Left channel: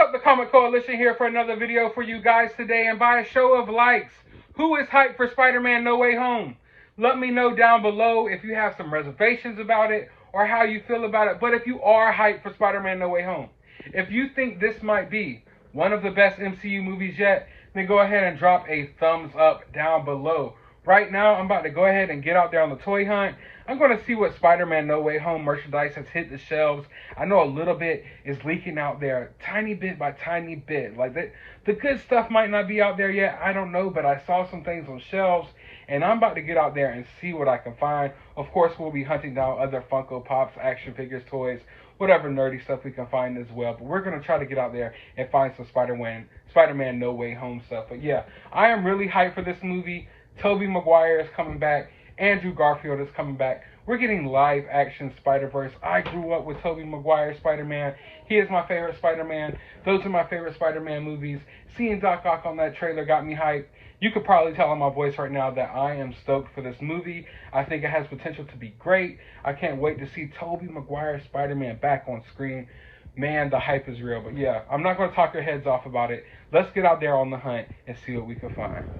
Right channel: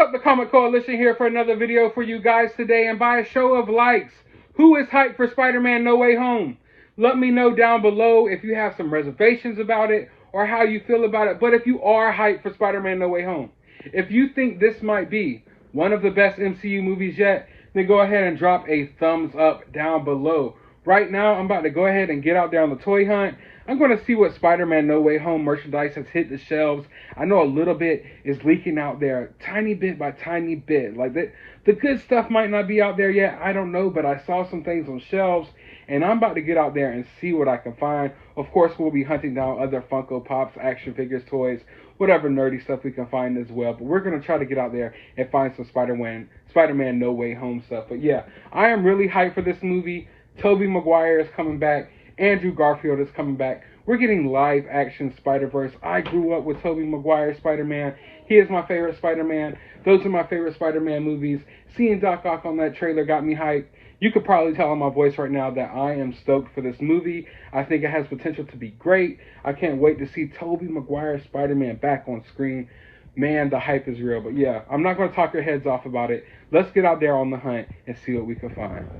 up, the Comic Coalition here for another video for you guys today. And by a show of likes, who is hyped for Spider-Man No Way Home? Let me know down below if you have some reservations about it or how you feel about it. But if you are hyped for Spider-Man No Way Home, if you think this might be one of the best MCU movies yet, then go ahead and drop a thumbs up down below. Right now, I'm about to go ahead and get out there on the toy hunt. I'm going to see what Spider-Man No Way Home merchandise has hit the shelves. I know a little bit is leaking out there, tiny bit by tiny bit. Like the good stuff might not be out there yet, I don't know, but I saw some things on shelves, and I'm about to get out there and see what I can find. Of course, we'll be hunting down other Funko Pops, action figures, toys, whatever nerdy stuff we can find as well. But we're going to try to get out there and find some Spider-Man No Way Home stuff. But yeah, I am really hyped for this movie. Tobey Maguire is coming back. Andrew Garfield is coming back. We're getting live action Spider-Verse. I grew up with Tobey Maguire Spider-Man. He is my favorite Spider-Man. Those are my favorite Spider-Man movies. Seeing Doc Ock on that trailer got me hyped. You could probably tell in my voice right now that I am stoked for this movie. I think it has potential to be great. I can't wait to see Tobey Maguire Spider-Man back on screen. Man, the hype is real. But yeah, I'm not going to talk your heads off about it. Let's get out there on the hunt and see what we can find.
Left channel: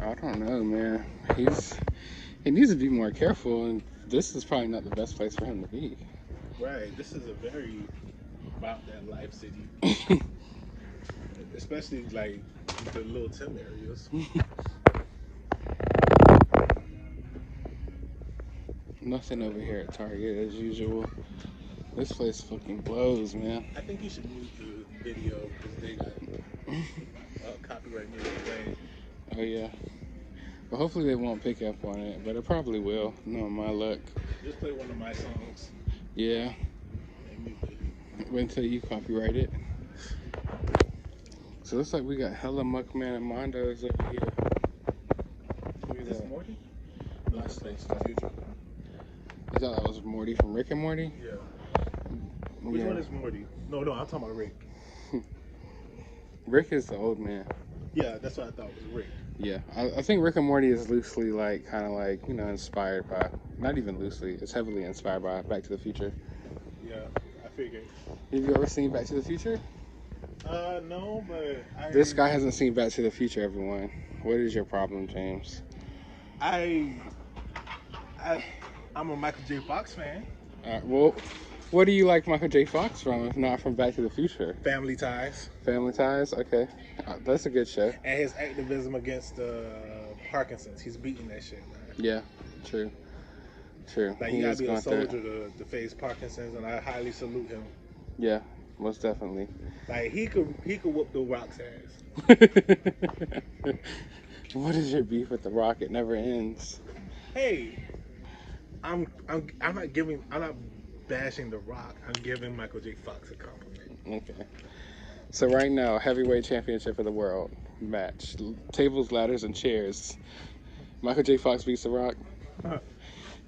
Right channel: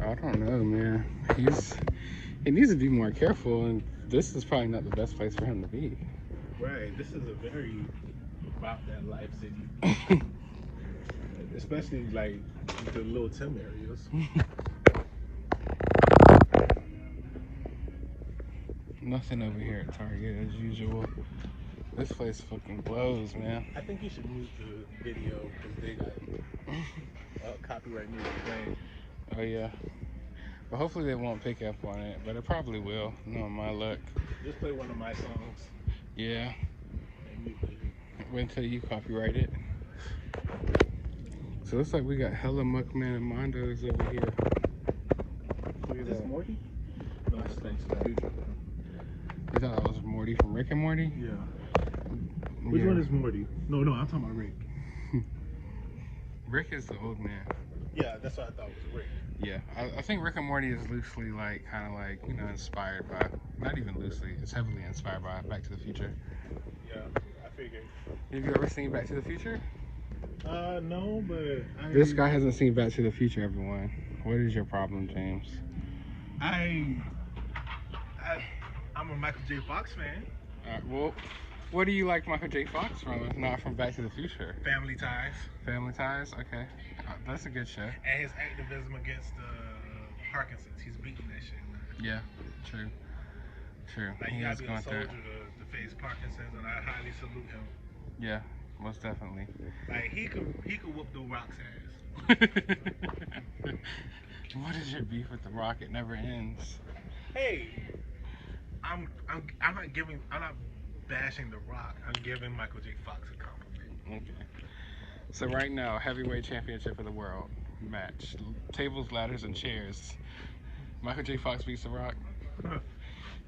I don't know, man. He needs to be more careful, and this is probably not the best place for him to be. Right, this is a very about that life city. Especially like the little Tim areas. Nothing over here at Target as usual. This place fucking blows, man. I think you should move the video because they got copyright music. Oh yeah. But hopefully they won't pick up on it, but it probably will, knowing my luck. Just play one of my songs. Yeah. Wait until you copyright it. So it looks like we got hella Muckman and Mondos over here. Look at that. Morty? No, that's the future. I thought that was Morty from Rick and Morty? Yeah. Which one is Morty? No, I'm talking about Rick. Rick is the old man. Yeah, that's what I thought was Rick. Yeah, I think Rick and Morty is loosely like, kind of like, you know, inspired by, not even loosely, it's heavily inspired by Back to the Future. Yeah, I figured. Have you ever seen Back to the Future? No, but This guy hasn't seen Back to the Future, everyone. What is your problem, James? I'm a Michael J. Fox fan. Well, what do you like Michael J. Fox from, if not from Back to the Future? Family Ties. Family Ties? Okay. That's a good show. And his activism against Parkinson's. He's beating that shit, man. Yeah, true. True. Like, he gotta be a soldier to face Parkinson's, and I highly salute him. Yeah, most definitely. Like, he could whoop the Rock's ass. What is your beef with the Rock? It never ends. Hey, I'm not bashing the Rock. I'm giving Michael J. Fox a compliment. Okay. So right now, heavyweight championship of the world match, tables, ladders, and chairs. Michael J. Fox beats the Rock.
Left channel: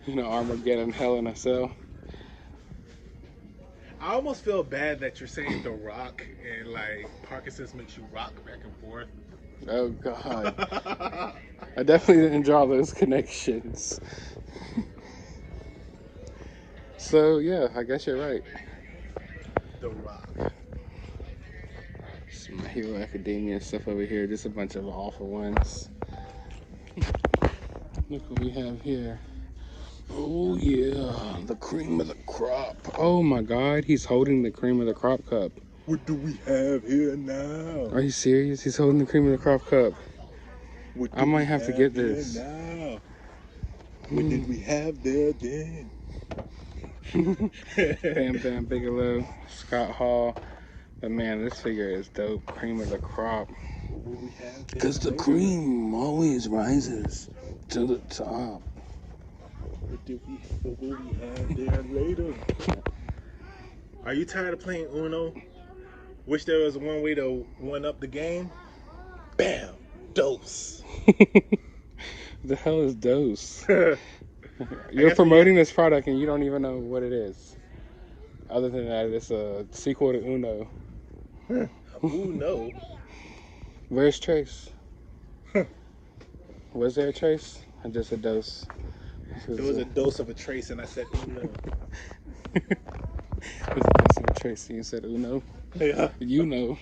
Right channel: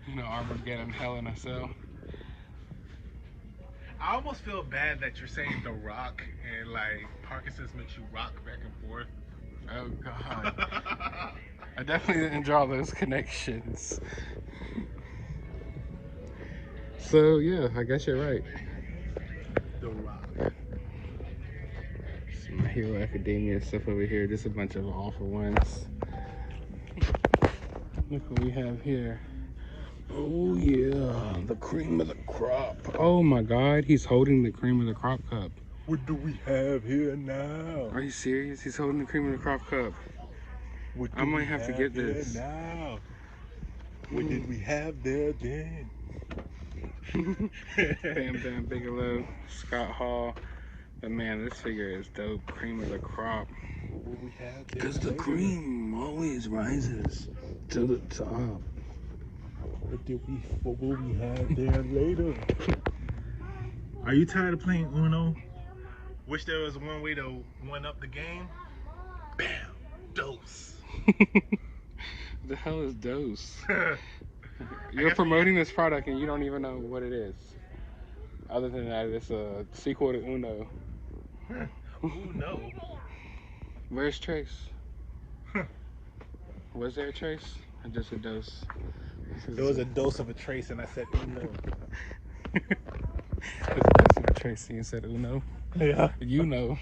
You know, Armageddon, Hell in a Cell. I almost feel bad that you're saying The Rock and like Parkinson's makes you rock back and forth. Oh God. I definitely didn't draw those connections. So yeah, I guess you're right. The Rock. Some My Hero Academia stuff over here, just a bunch of awful ones. Look what we have here. Oh yeah, the cream of the crop. Oh my God, he's holding the cream of the crop cup. What do we have here now? Are you serious? He's holding the cream of the crop cup. I might have to get this. Now? What did we have there then? Bam Bam Bigelow, Scott Hall. But man, this figure is dope. Cream of the crop. Because the cream always rises to the top. What will we have there later? Are you tired of playing Uno? Wish there was one way to one up the game? Bam! Dose! The hell is Dose? I You're guess promoting this product and you don't even know what it is. Other than that, it's a sequel to Uno. Ooh, no. Where's Trace? Was there a Trace? Or just a Dose? There was a dose of a trace, and I said, ooh, no. There's a dose of a Trace and you said Uno. Yeah. You know.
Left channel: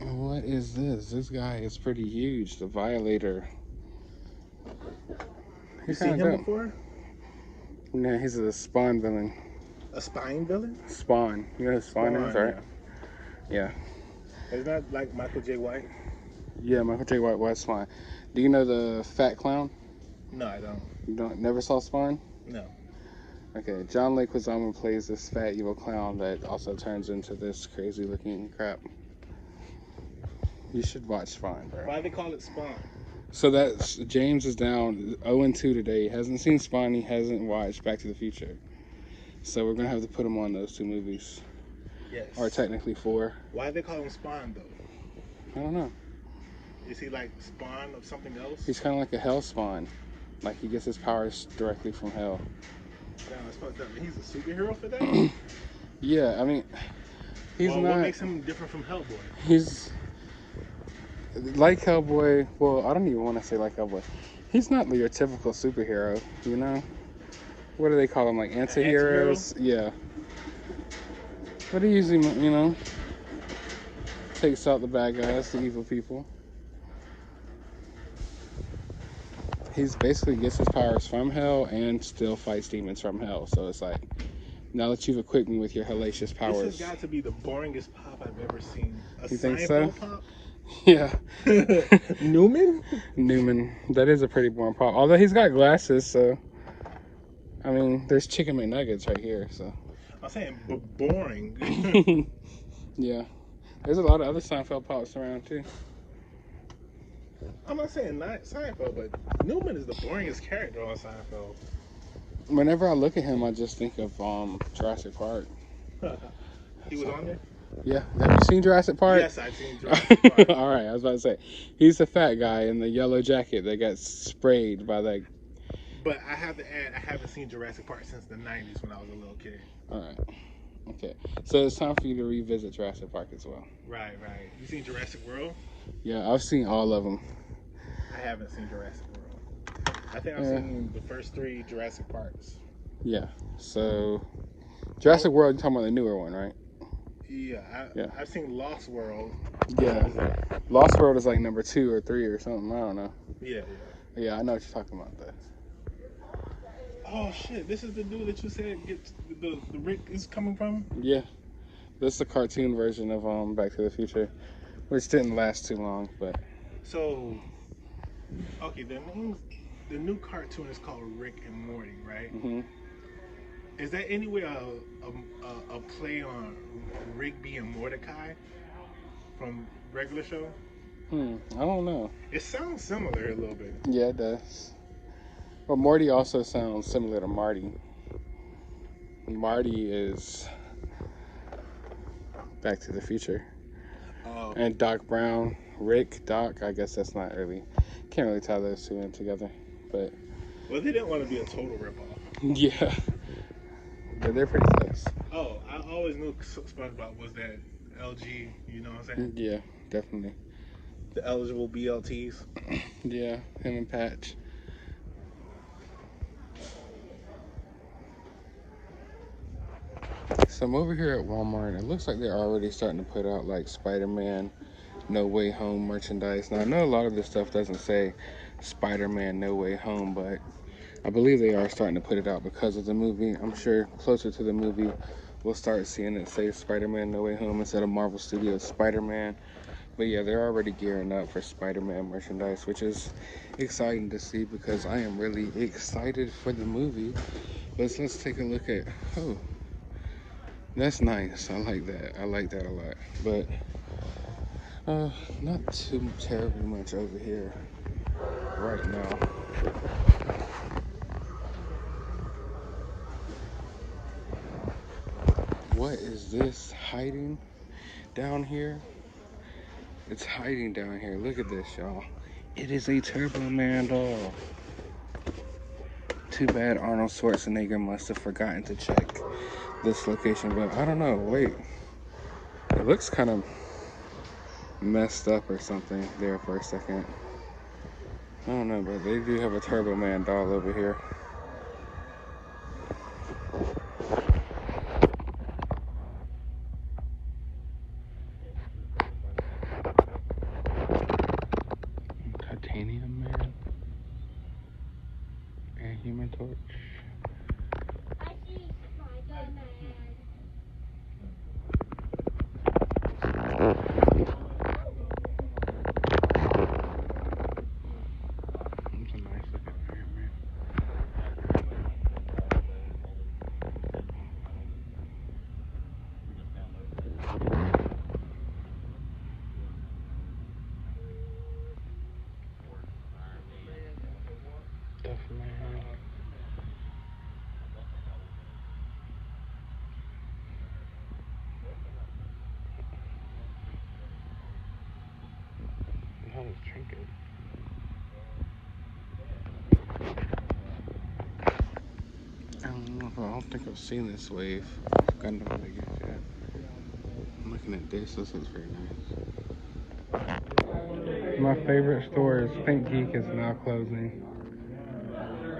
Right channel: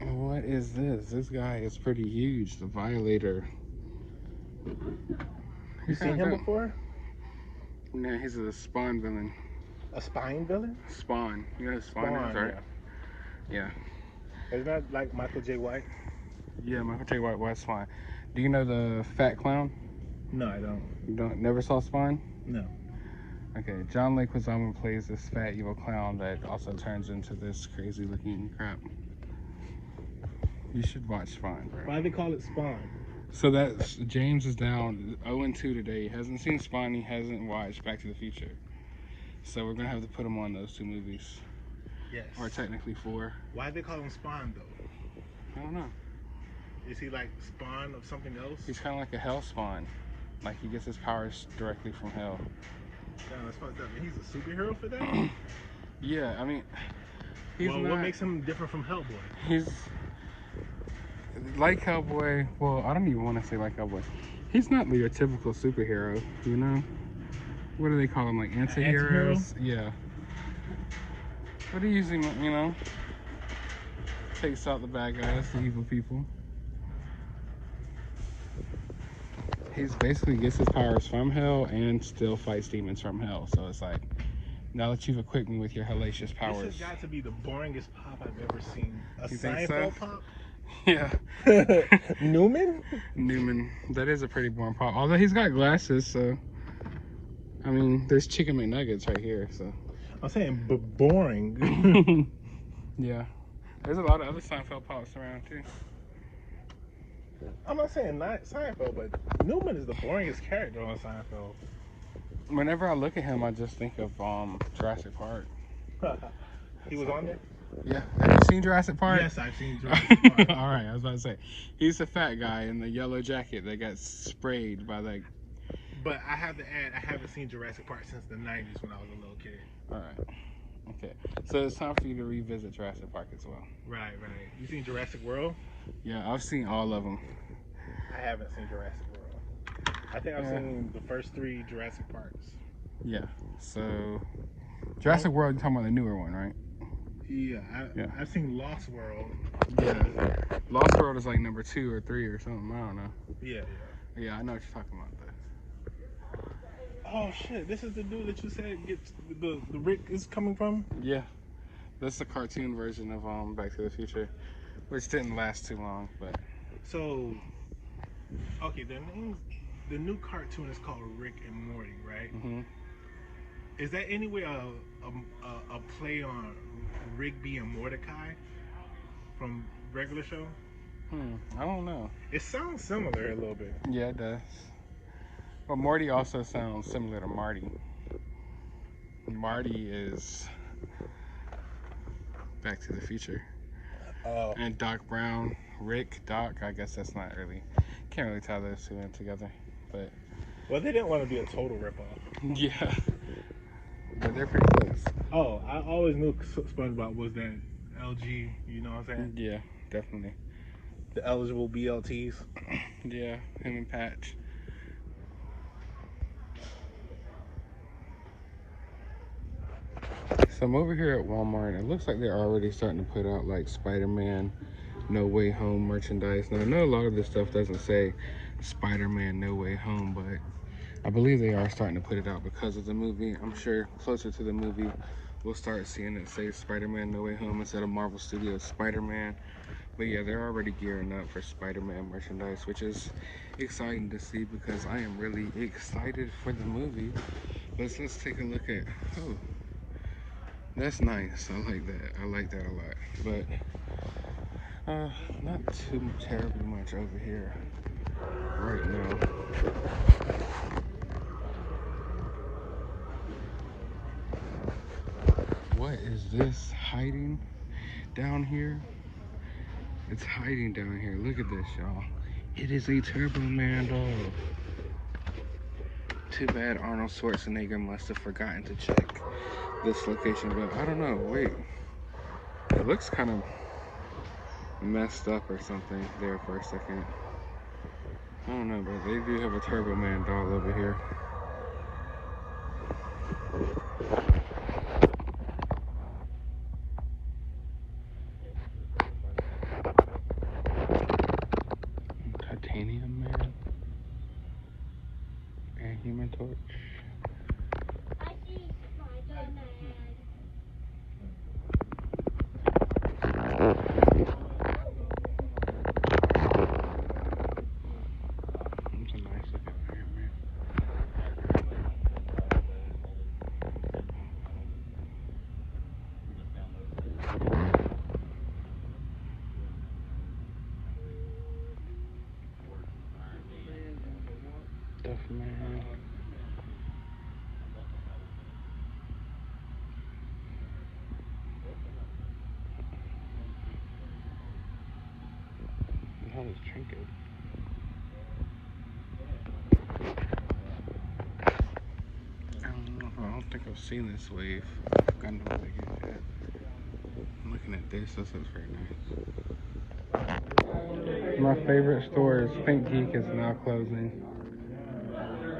And what is this? This guy is pretty huge. The Violator. You seen him before? No, he's a Spawn villain. A spine villain? Spawn. You know who Spawn is, right? Yeah. Isn't that like Michael J. White? Yeah, Michael J. White's Spawn. Do you know the fat clown? No, I don't. You never saw Spawn? No. Okay, John Leguizamo plays this fat evil clown that also turns into this crazy looking crap. You should watch Spawn, bro. Why do they call it Spawn? So that's James is down 0-2 today. He hasn't seen Spawn. He hasn't watched Back to the Future. So we're gonna have to put him on those 2 movies. Yes. Or technically 4. Why do they call him Spawn though? I don't know. Is he like Spawn of something else? He's kind of like a hell spawn. Like he gets his powers directly from hell. Damn, that's fucked up. He's a superhero for that? Yeah, I mean, he's well, not. what makes him different from Hellboy? He's like Hellboy. Well, I don't even want to say like Hellboy. He's not your typical superhero, you know? What do they call them? Like anti-heroes? Yeah. But he usually, you know, takes out the bad guys, the evil people. He's basically gets his powers from hell and still fights demons from hell. So it's like, now that you've equipped me with your hellacious powers. This has got to be the boringest pop I've ever seen. A You think Seinfeld so? pop? Yeah. Newman? Newman. That is a pretty boring pop. Although he's got glasses, so. I mean, there's chicken McNuggets right here, so. I'm saying boring. Yeah. There's a lot of other Seinfeld pops around, too. I'm not saying not Seinfeld, but Newman is the boringest character on Seinfeld. Whenever I look at him, I just think of Jurassic Park. He was on there? Yeah. Have you seen Jurassic Park? Yes, I've seen Jurassic Park. All right, I was about to say. He's the fat guy in the yellow jacket that got sprayed by that. But I have to add, I haven't seen Jurassic Park since the 90s when I was a little kid. All right. Okay. So it's time for you to revisit Jurassic Park as well. Right, right. You seen Jurassic World? Yeah, I've seen all of them. I haven't seen Jurassic World. I think I've seen the first 3 Jurassic Parks. Yeah. So Jurassic World, you're talking about the newer one, right? Yeah, I've seen Lost World. Yeah. Lost World is like number 2 or 3 or something. I don't know. Yeah. Yeah, I know what you're talking about, though. Oh shit! This is the dude that you said gets the Rick is coming from. Yeah, this is the cartoon version of Back to the Future, which didn't last too long, but. So, okay, the new cartoon is called Rick and Morty, right? Mm-hmm. Is that anyway a play on Rigby and Mordecai from regular show? I don't know. It sounds similar a little bit. Yeah, it does. But Morty also sounds similar to Marty. Marty is Back to the Future. And Doc Brown, Rick, Doc, I guess that's not really, can't really tie those 2 in together. But well, they didn't want to be a total ripoff. Yeah. But they're pretty close. Oh, I always knew SpongeBob was that LG, you know what I'm saying? Yeah, definitely. The eligible BLTs. Yeah, him and Patch. So I'm over here at Walmart. It looks like they're already starting to put out like Spider-Man No Way Home merchandise. Now I know a lot of this stuff doesn't say Spider-Man No Way Home, but I believe they are starting to put it out because of the movie. I'm sure closer to the movie we'll start seeing it say Spider-Man No Way Home instead of Marvel Studios Spider-Man. But yeah, they're already gearing up for Spider-Man merchandise, which is exciting to see because I am really excited for the movie. But let's take a look at, oh, that's nice. I like that. I like that a lot. But not too terribly much over here right now. What is this hiding down here? It's hiding down here. Look at this, y'all. It is a Turbo Man doll. Too bad Arnold Schwarzenegger must have forgotten to check this location, but I don't know. Wait. It looks kind of messed up or something there for a second. I don't know, but they do have a Turbo Man doll over here. Titanium Man and Human Torch. I see Spider-Man. That's a nice looking Iron Man. Definitely. That is triggered. I don't think I've seen this wave. Gundam Leggings yet. I'm looking at this. This is very nice. My favorite store is Pink Geek is now closing.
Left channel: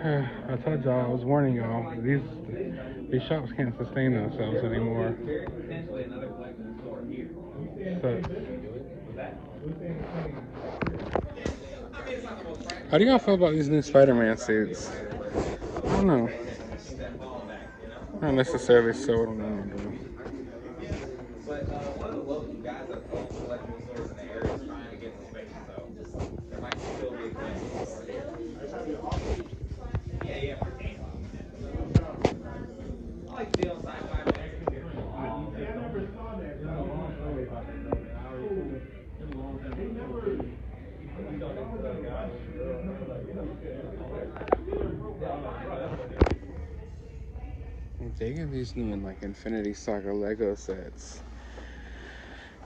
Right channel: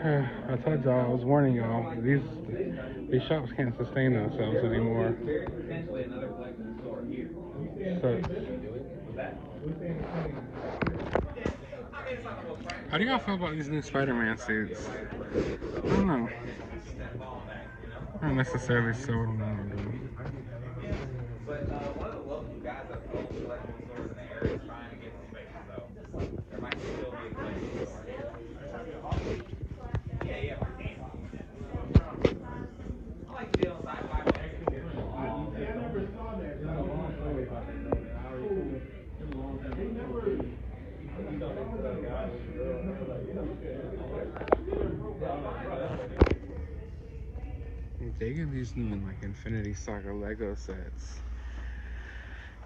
I told y'all, I was warning y'all, these shops can't sustain themselves anymore. So, how do y'all feel about these new Spider-Man suits? I don't know. I don't necessarily sold on them. I'm digging these new like Infinity Saga Lego sets.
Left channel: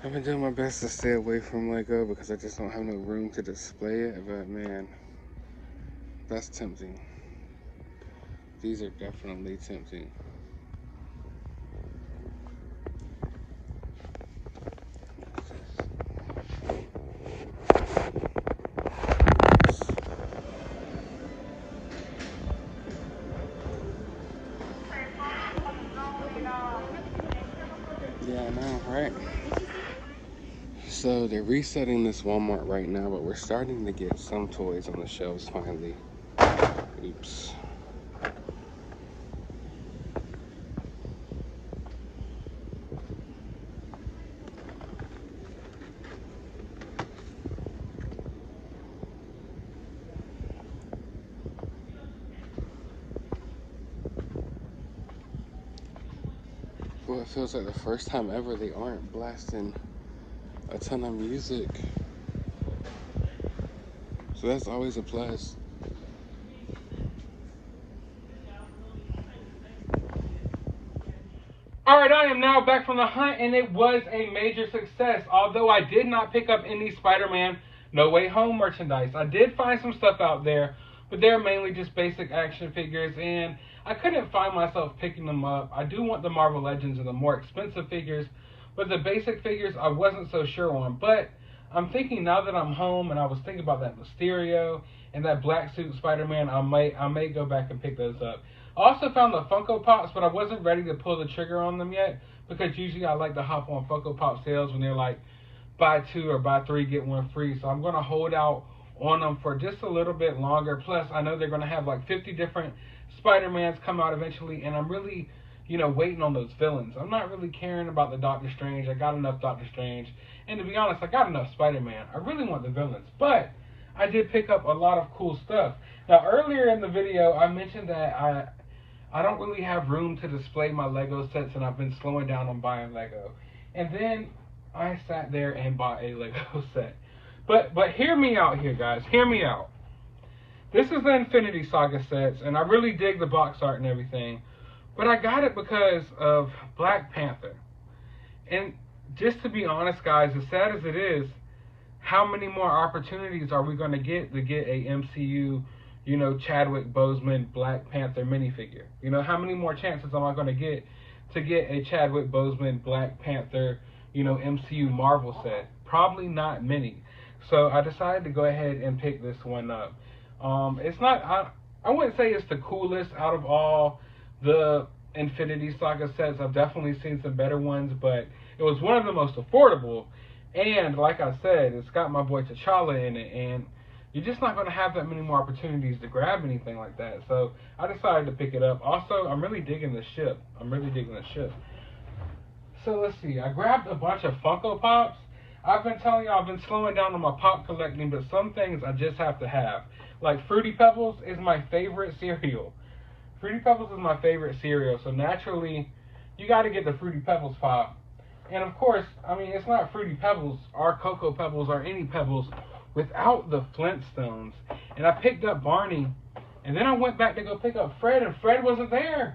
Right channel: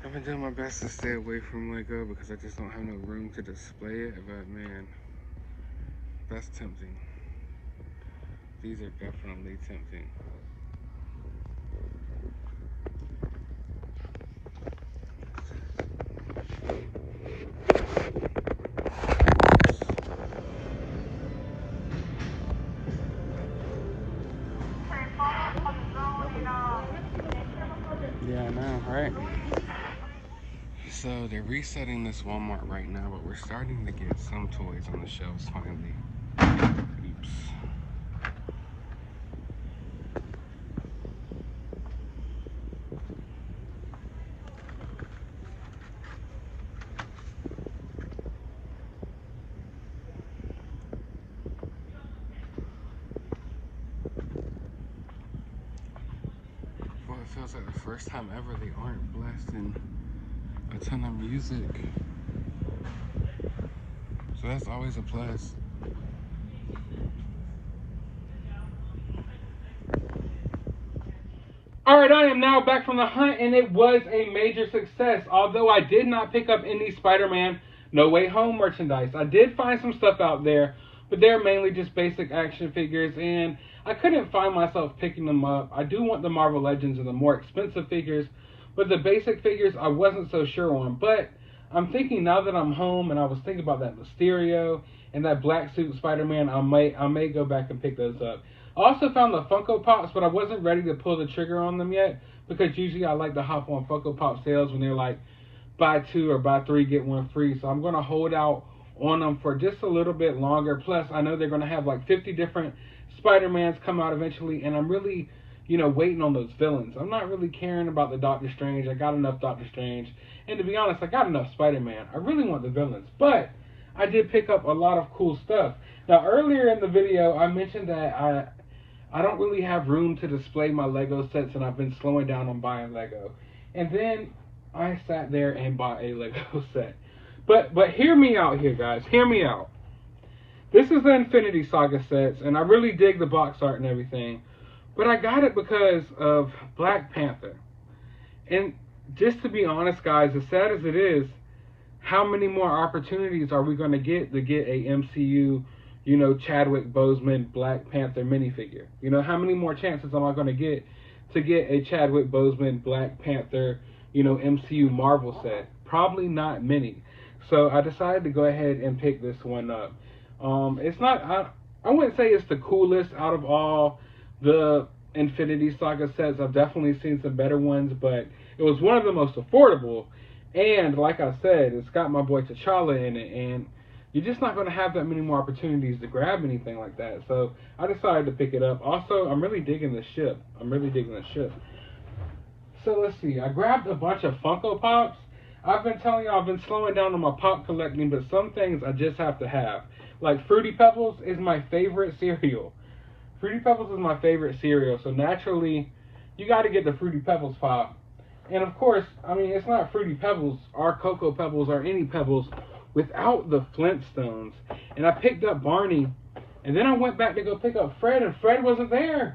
I've been doing my best to stay away from Lego because I just don't have no room to display it, but man, that's tempting. These are definitely tempting. Yeah, I know, right? So they're resetting this Walmart right now, but we're starting to get some toys on the shelves finally. Oops. Well, it feels like the first time ever they aren't blasting a ton of music. So that's always a plus. Alright, I am now back from the hunt, and it was a major success. Although I did not pick up any Spider-Man No Way Home merchandise. I did find some stuff out there, but they're mainly just basic action figures, and I couldn't find myself picking them up. I do want the Marvel Legends and the more expensive figures, but the basic figures I wasn't so sure on. But I'm thinking now that I'm home, and I was thinking about that Mysterio and that black suit Spider-Man, I may go back and pick those up. I also found the Funko Pops, but I wasn't ready to pull the trigger on them yet, because usually I like to hop on Funko Pop sales when they're like buy two or buy three get one free. So I'm going to hold out on them for just a little bit longer. Plus, I know they're going to have like 50 different Spider-Mans come out eventually, and I'm really, waiting on those villains. I'm not really caring about the Doctor Strange. I got enough Doctor Strange. And to be honest, I got enough Spider-Man. I really want the villains. But I did pick up a lot of cool stuff. Now, earlier in the video, I mentioned that I don't really have room to display my Lego sets, and I've been slowing down on buying Lego. And then I sat there and bought a Lego set. But hear me out here, guys. Hear me out. This is the Infinity Saga sets, and I really dig the box art and everything. But I got it because of Black Panther. And just to be honest, guys, as sad as it is, how many more opportunities are we going to get a MCU, you know, Chadwick Boseman Black Panther minifigure? You know, how many more chances am I going to get a Chadwick Boseman Black Panther, you know, MCU Marvel set? Probably not many. So I decided to go ahead and pick this one up. It's not, I wouldn't say it's the coolest out of all the Infinity Saga sets. I've definitely seen some better ones, but it was one of the most affordable. And like I said, it's got my boy T'Challa in it, and you're just not going to have that many more opportunities to grab anything like that. So I decided to pick it up. Also, I'm really digging the ship. So let's see. I grabbed a bunch of Funko Pops. I've been telling y'all I've been slowing down on my pop collecting, but some things I just have to have. Like Fruity Pebbles is my favorite cereal. Fruity Pebbles is my favorite cereal, so naturally, you got to get the Fruity Pebbles pop. And of course, I mean, it's not Fruity Pebbles or Cocoa Pebbles or any Pebbles without the Flintstones. And I picked up Barney, and then I went back to go pick up Fred, and Fred wasn't there.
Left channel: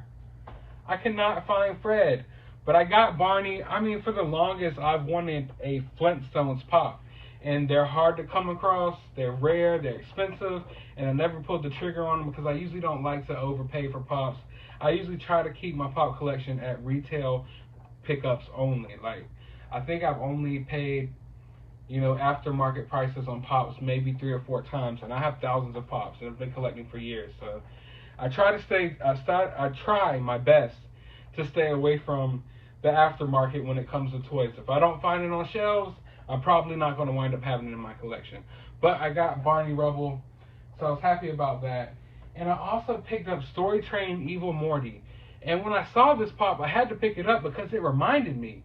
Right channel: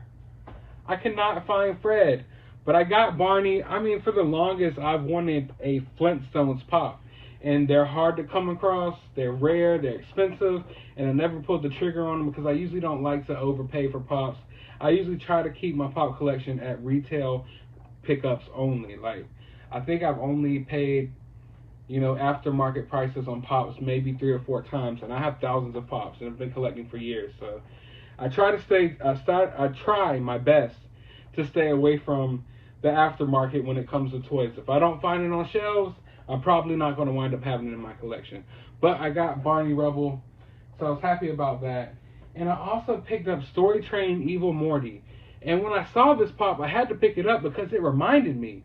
I could not find Fred. But I got Barney. I mean, for the longest, I've wanted a Flintstones pop. And they're hard to come across, they're rare, they're expensive, and I never pulled the trigger on them because I usually don't like to overpay for pops. I usually try to keep my pop collection at retail pickups only. Like, I think I've only paid, you know, aftermarket prices on pops maybe 3 or 4 times, and I have thousands of pops and I've been collecting for years. So I try my best to stay away from the aftermarket when it comes to toys. If I don't find it on shelves, I'm probably not going to wind up having it in my collection. But I got Barney Rubble, so I was happy about that. And I also picked up Story Train Evil Morty. And when I saw this pop, I had to pick it up because it reminded me.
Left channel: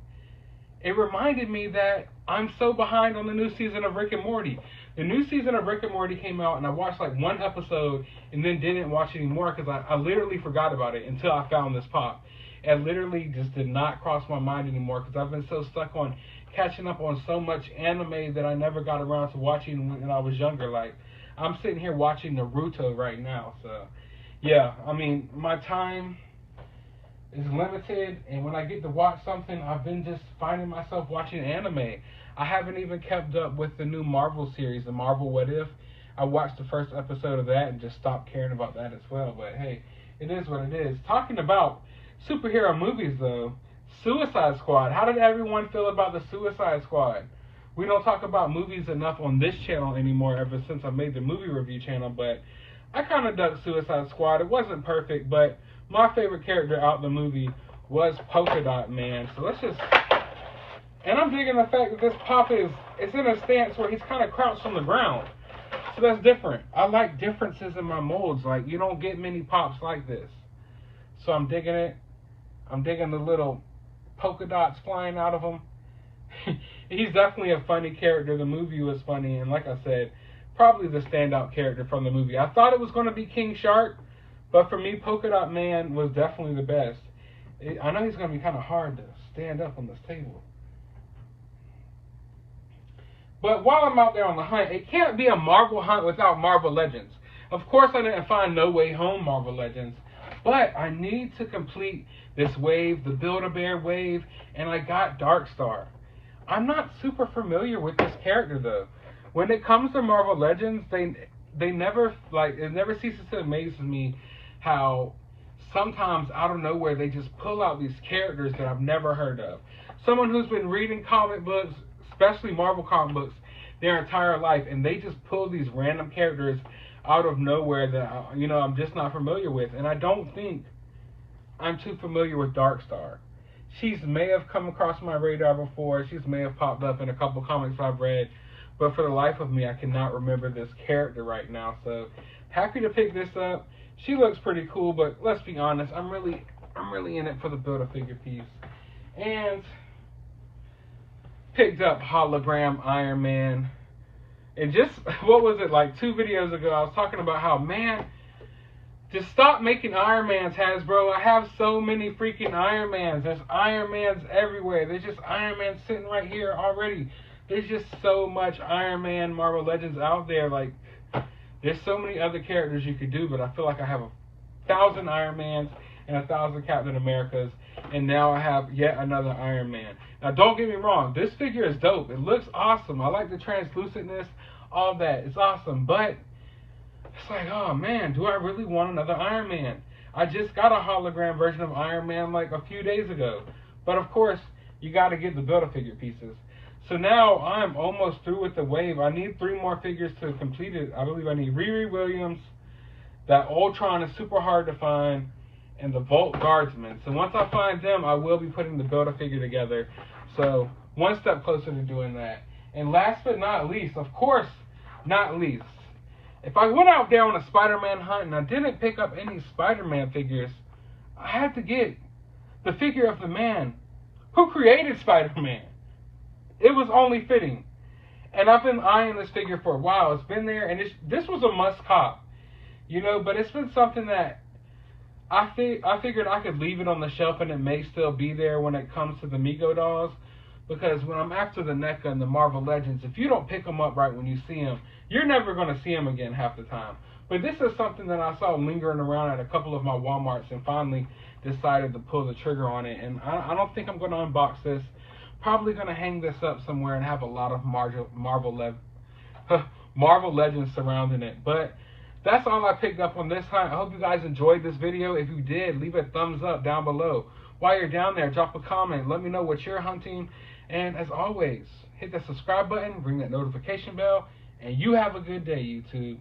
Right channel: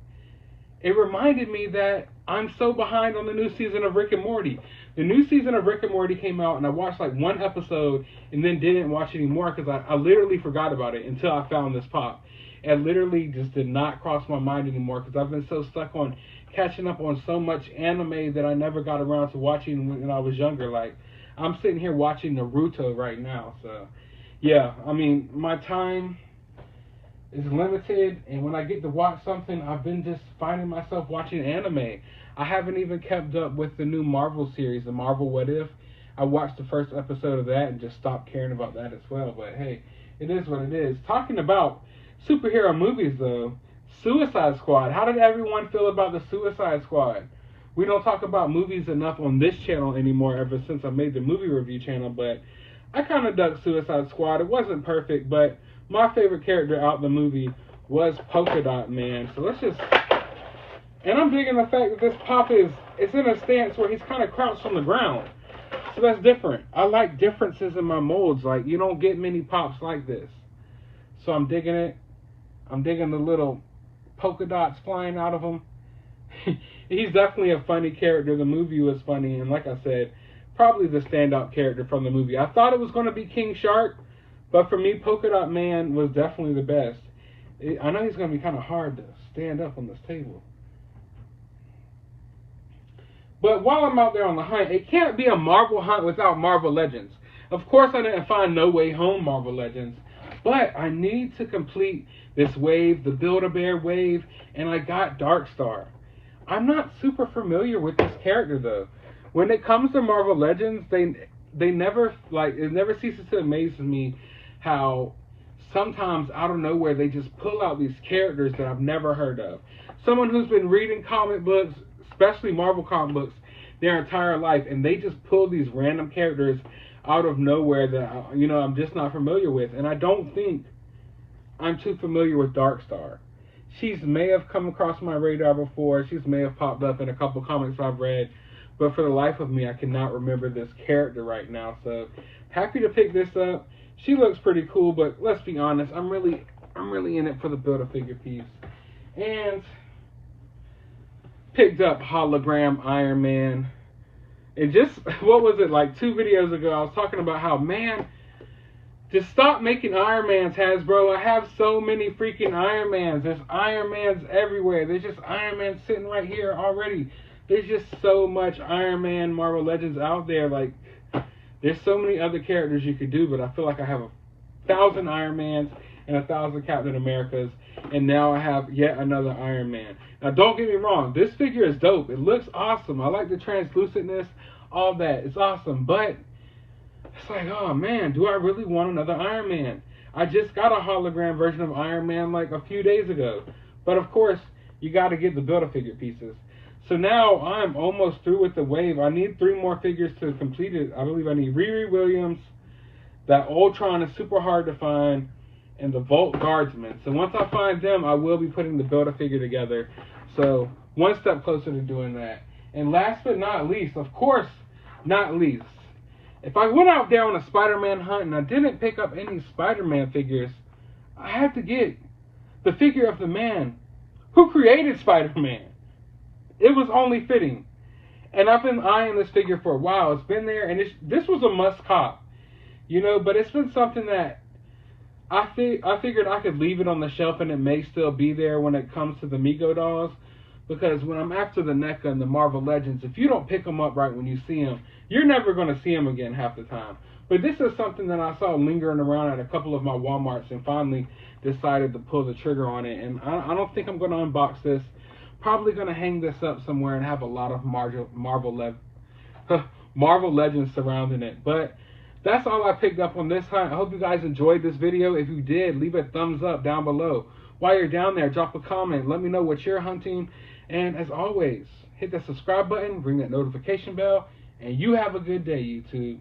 It reminded me that I'm so behind on the new season of Rick and Morty. The new season of Rick and Morty came out, and I watched like 1 episode and then didn't watch anymore because I literally forgot about it until I found this pop. It literally just did not cross my mind anymore because I've been so stuck on catching up on so much anime that I never got around to watching when I was younger. Like, I'm sitting here watching Naruto right now. So, yeah, I mean, my time is limited, and when I get to watch something, I've been just finding myself watching anime. I haven't even kept up with the new Marvel series, the Marvel What If. I watched the first episode of that and just stopped caring about that as well. But, hey, it is what it is. Talking about superhero movies, though, Suicide Squad. How did everyone feel about the Suicide Squad? We don't talk about movies enough on this channel anymore ever since I made the movie review channel, but I kind of dug Suicide Squad. It wasn't perfect, but my favorite character out of the movie was Polka Dot Man. So let's just... And I'm digging the fact that this pop it's in a stance where he's kind of crouched on the ground. So that's different. I like differences in my molds. Like, you don't get many pops like this. So I'm digging it. I'm digging the little polka dots flying out of him. He's definitely a funny character. The movie was funny, and like I said, probably the standout character from the movie. I thought it was going to be King Shark, but for me, Polka Dot Man was definitely the best. I know he's going to be kind of hard to stand up on this table. But while I'm out there on the hunt, it can't be a Marvel hunt without Marvel Legends. Of course, I didn't find No Way Home Marvel Legends, but I need to complete this wave, the Build-A-Bear wave, and I got Darkstar. I'm not super familiar with this character, though. When it comes to Marvel Legends, they never, like, it never ceases to amaze me how sometimes out of nowhere they just pull out these characters that I've never heard of. Someone who's been reading comic books, especially Marvel comic books, their entire life, and they just pull these random characters out of nowhere that, you know, I'm just not familiar with. And I don't think I'm too familiar with Darkstar. She's may have come across my radar before. She's may have popped up in a couple comics I've read. But for the life of me, I cannot remember this character right now. So, happy to pick this up. She looks pretty cool, but let's be honest, I'm really in it for the Build-A-Figure piece. And picked up Hologram Iron Man. And just, what was it, like 2 videos ago, I was talking about how, man, just stop making Iron Mans, Hasbro. I have so many freaking Iron Mans. There's Iron Mans everywhere. There's just Iron Man sitting right here already. There's just so much Iron Man Marvel Legends out there. Like, there's so many other characters you could do, but I feel like I have 1,000 Iron Mans and 1,000 Captain Americas, and now I have yet another Iron Man. Now, don't get me wrong. This figure is dope. It looks awesome. I like the translucentness, all that. It's awesome. But it's like, oh, man, do I really want another Iron Man? I just got a hologram version of Iron Man like a few days ago. But, of course, you got to get the Build-A-Figure pieces. So now I'm almost through with the wave. I need 3 more figures to complete it. I believe I need Riri Williams. That Ultron is super hard to find. And the Volt Guardsman. So once I find them, I will be putting the Build-A-Figure together. So one step closer to doing that. And last but not least, of course, not least, if I went out there on a Spider-Man hunt and I didn't pick up any Spider-Man figures, I had to get the figure of the man who created Spider-Man. It was only fitting. And I've been eyeing this figure for a while. It's been there, and this was a must cop. You know, but it's been something that I figured I could leave it on the shelf and it may still be there when it comes to the MEGO dolls. Because when I'm after the NECA and the Marvel Legends, if you don't pick them up right when you see them, you're never going to see them again half the time. But this is something that I saw lingering around at a couple of my Walmarts and finally decided to pull the trigger on it. And I don't think I'm going to unbox this. Probably going to hang this up somewhere and have a lot of Marvel Legends surrounding it. But that's all I picked up on this time. I hope you guys enjoyed this video. If you did, leave a thumbs up down below. While you're down there, drop a comment. Let me know what you're hunting. And as always, hit that subscribe button, ring that notification bell, and you have a good day, YouTube.